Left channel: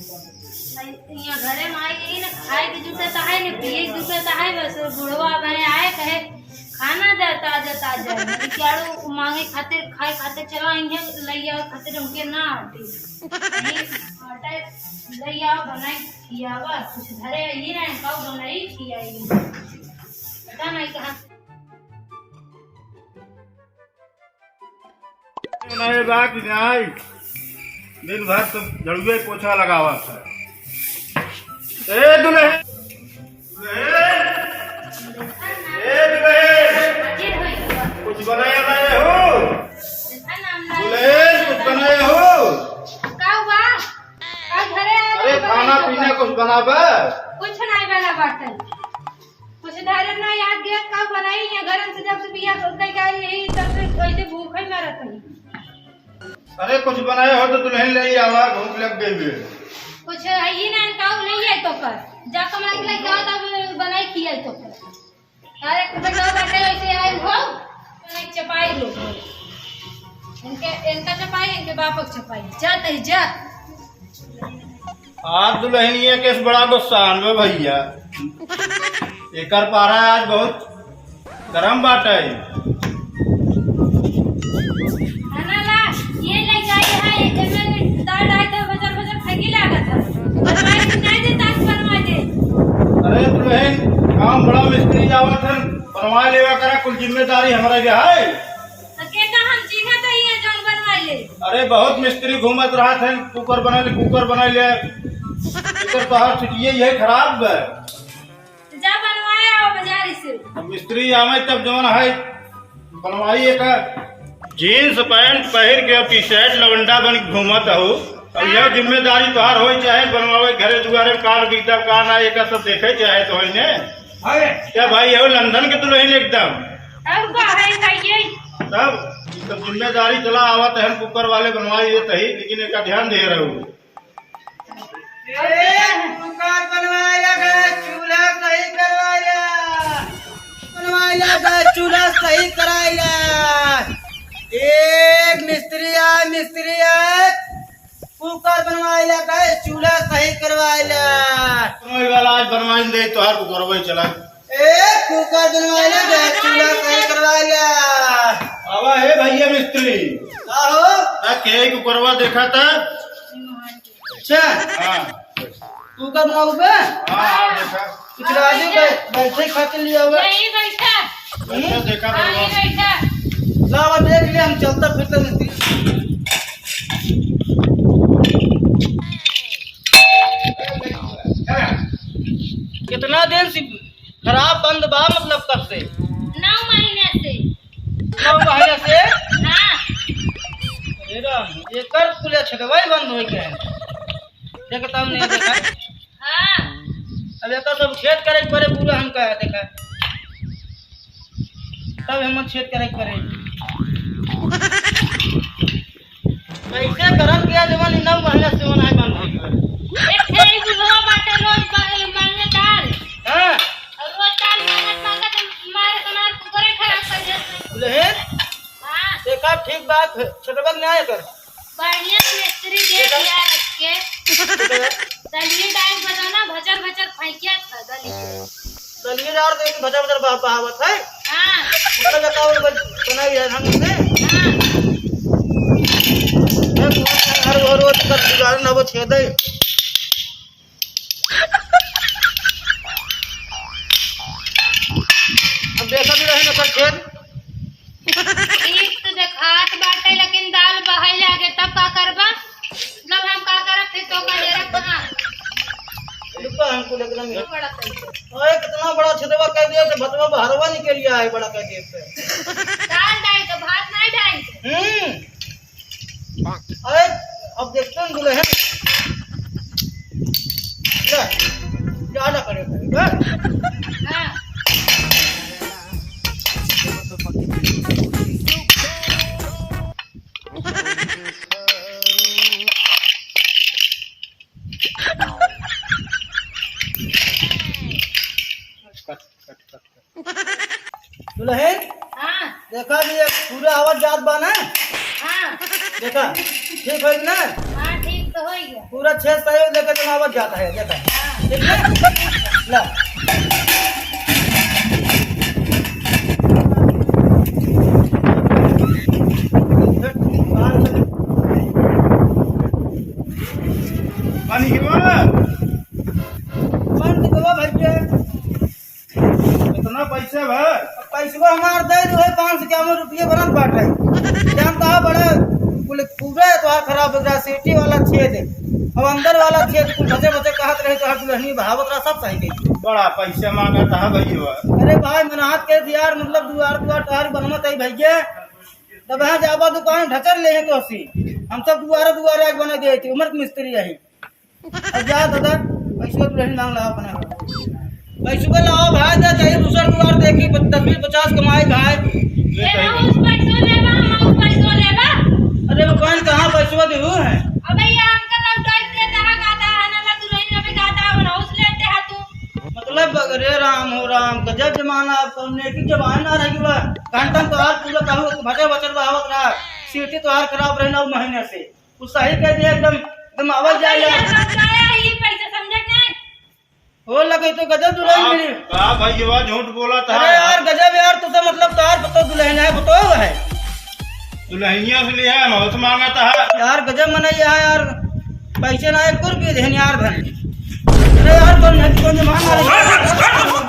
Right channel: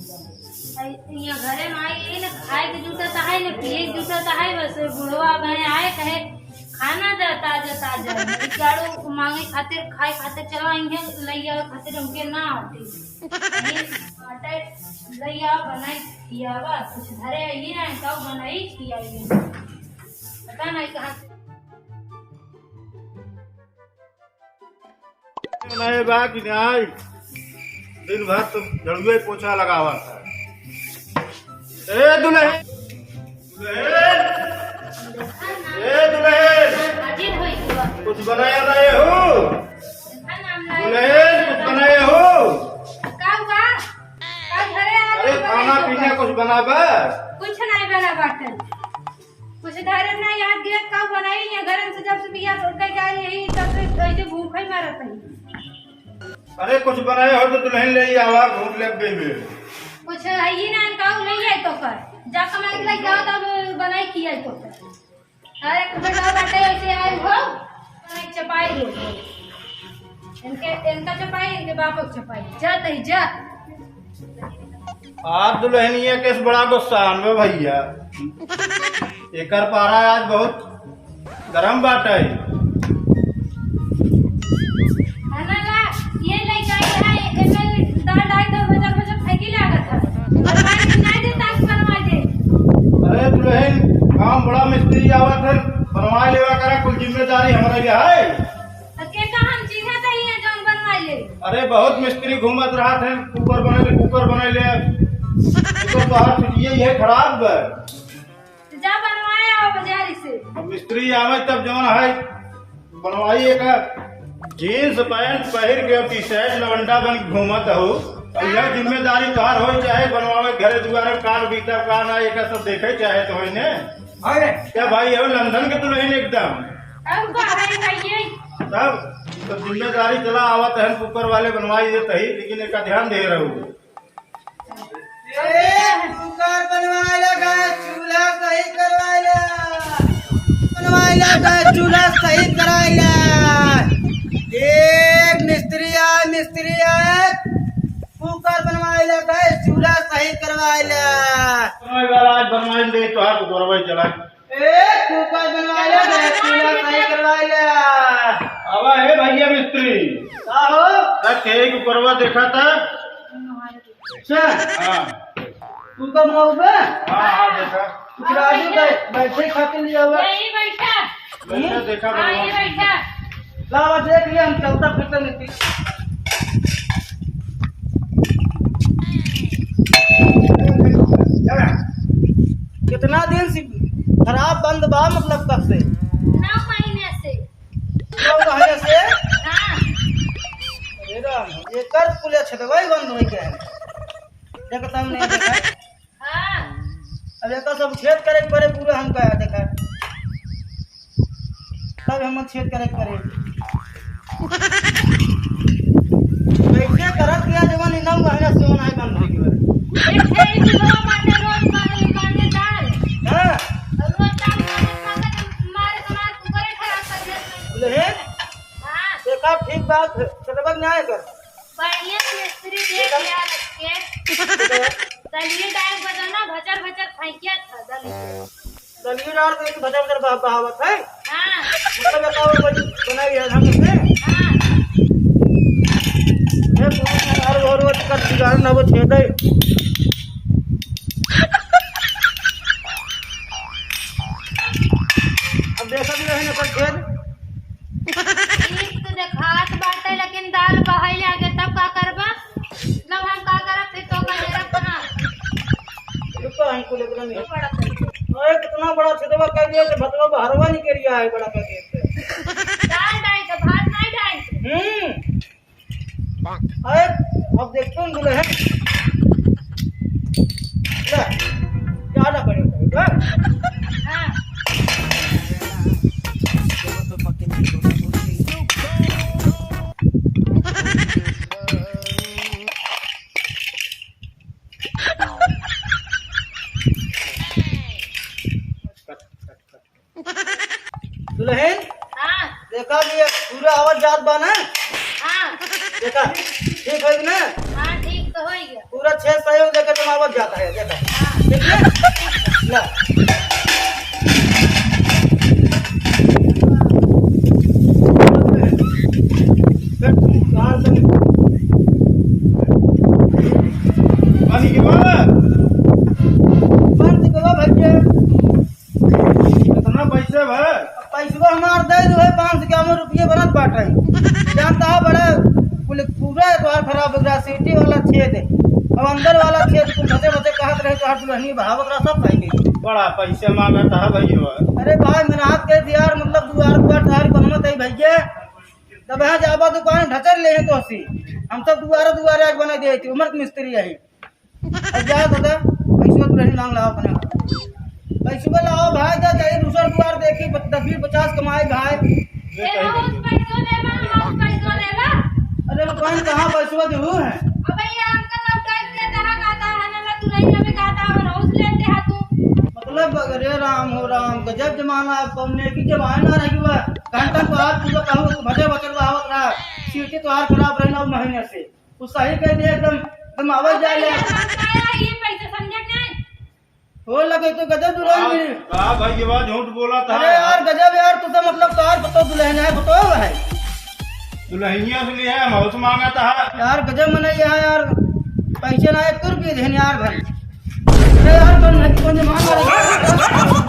यहाँ घरे में आई यही ना खाए के जूता तो है ना पिए के जूता तो है। बस बुढ़वा गए आए कहे खाना दे ताजा ताजा चारों मांगे खातिर खाए खातिर चला इन्हें लैया खातिर उनके ना आटी आटे लैया बनाई खियावा कुछ धरे ये ना कब बनाई खियाई पता नहीं कहाँ नहीं बात नहीं दिन भर तो झड़ुए पोछा लगावा था। ए दुल्हन कुछ बनाया लाए हो? दुल्हन कुछ बनाए हो? अरे खाना पीना कुछ बनाबा? कुछ नहीं बना बाटे कुछ धरे ना याद गया कब बनाई है गरम से जब से बिया कई का यही तब से ऐसे भूख ही मरत है। अरे कुछ बनाए हो तो दुल्हन ले आवा भूख लग गई है। कुछ है ही ना काऊ नहीं है तो कर जा कमा के लाइक जाओ तब बनाई किया तो कर अरे बड़ा बैठे ऐसे आए हो बनाई चपाई लो इनका चपाई इनके बाप की चपाई जा तई जा आज दुल्हनिया केस बड़ा गुस्सा में भैया ये कर पा रहा है आज बहुत गरम बात है। अरे दुल्हन काम बड़ा मिस्त्री जावत है बनवा लेवा करा कुल जिम्मेदारी हमारा जो है। अरे बहुत मिस्त्री घूमत रहा थे कुकर बना ले ये खराब है। जा बनवाया बाजार से अब मिस्त्री आवे तब जवन है बनवाइए का जीन्स पैंट पहन के टी शर्ट लवंडा बन घूमत हो यह जिम्मेदारी तोहार हो चाहे बनवावे घरे दुआरे कार बीतब कार ना एक सब देखे चाहे तो है ने क्या भाई हो लंदन के दुल्हन एकदम तब जिम्मेदारी चला आवत है कुकर वाले बनवाई देते ही लेकिन एक ध्यान दे रहे हो। कुकर चूल्हा सही चूल्हा सही कराइला एक मिस्त्री आए कुकर बनवाइला गए चूल्हा सही करवाइला वाला आज बनवाई दे तोहार कुकर चला एक कुकर बनवाइला गए चूल्हा सही करवाइला आवा है भैया मिस्त्री आहो के कुकरवा देखा था। अच्छा हाँ कुकर बनवाओगे हाँ देखा कुछ राजू बैठे खाते लिया हुआ यही बैठा देखा यही बैठा लावा देख लिया हम चलता फिरता नहीं कितना दिन से खराब बंद बा मतलब कब से 9 महीने से 9 महीने से हाँ अरे राम ये कर खुले छतवाई बंद हो गया है देखता हम नहीं देखा हाँ अब एक सब छेद करे पड़े पूरा हम कहा देखा तब हम छेद करे कैसे करत गया जवान 9 महीना से वन है बंद हो गया एक थे बुढ़वा बाटे रोज मांगे दाल हां रोज दाल मारे तुम्हारे कुकरे खराब कर दे बोले है हाँ देखा ठीक बात छतवा नहीं आया कर बढ़िया मिस्त्री दे दिया रख के दलिए डाल बजाना भचर भचर फेंकिया था दलिए डाल के भजा भजा बहावत है हाँ मतलब बताओ बनाई है ढंग से हाँ हर रोज कर दुकान ना वो छेद है अब देखा भी रहे ना कर छेद ठीक तो देखात बाटे लेकिन दाल बहाई लागे तब का करबा मतलब हम का करब फिर तो का जरा कहां रुपा हमको लेकर नहीं बड़ा पैसा ओए कितना बड़ा छेदवा कर दिया कि भतवा बहरवा निकल गया है बड़ा का गेट पे दाल डाल तो भात नहीं डाल अरे अब देखते हैं दुल्हन ले ज्यादा करेगा हां दुल्हन हां देखा कि ये पूरा आवाज जात बा ना हां देखा ठीक है ना हां ठीक तो हो गया पूरा 6 सहयोग लेकर बनावट जाता है देखा ठीक है ला पानी गिरवा बंद करो भैया इतना पैसे भाई पैसवा हमार दे दो है 551 रुपये बनत बाटे जानता है बड़े पूरा द्वार खराब हो गया सिटी वाला छेद अब अंदर वाला छेद कुछ बचे बचे कहत रहे तो दुल्हनी बहावत रहा सब सही गई बड़ा पैसे मांगा था भैया अरे भाई मेहनत के यार मतलब दुआर दुआर तार बनमत है भैया तब यहाँ जाबा दुकान ढचर ले हैं तो हसी हम सब दुआरे दुआरे आग बना दिए थे उम्र के मिस्त्री यही अब जा दादा पैसवा दुल्हनी मांग लाओ अपने पैसवा लाओ भाई जा चाहिए दूसरा दुआर देखी 10-20-50 कमाए खाए लेबा उस पैसों लेबा उस पैसों लेबा अरे वो कौन कहाँ पैसवा देहू है अबे ये अंकल लौटाई दे तहा गाता है ना मैं दुल्हन में गाता और हाउस लेते हा तू मतलब अरे राम हो राम गजब जमाना कौन की जमाना रही हुआ घंटा तो आज पूरा कहूँ भटे बचल आवत रहा सीटी तो हार खराब रहना महीने से तू सही कह दिया एकदम एकदम आवाज जाए ये पैसे समझ नहीं हो लगे तो गजब दुल्हन मिली का भैया झूठ बोला था अरे यार गजब यार तू तो मतलब तार बतो दुल्हन है बतो है दुल्हनिया से लिया बहुत मांगा था यार गजब मना यार पैसे ना 1 रुपये देन यार भाई अरे यार कौन मांग रहा है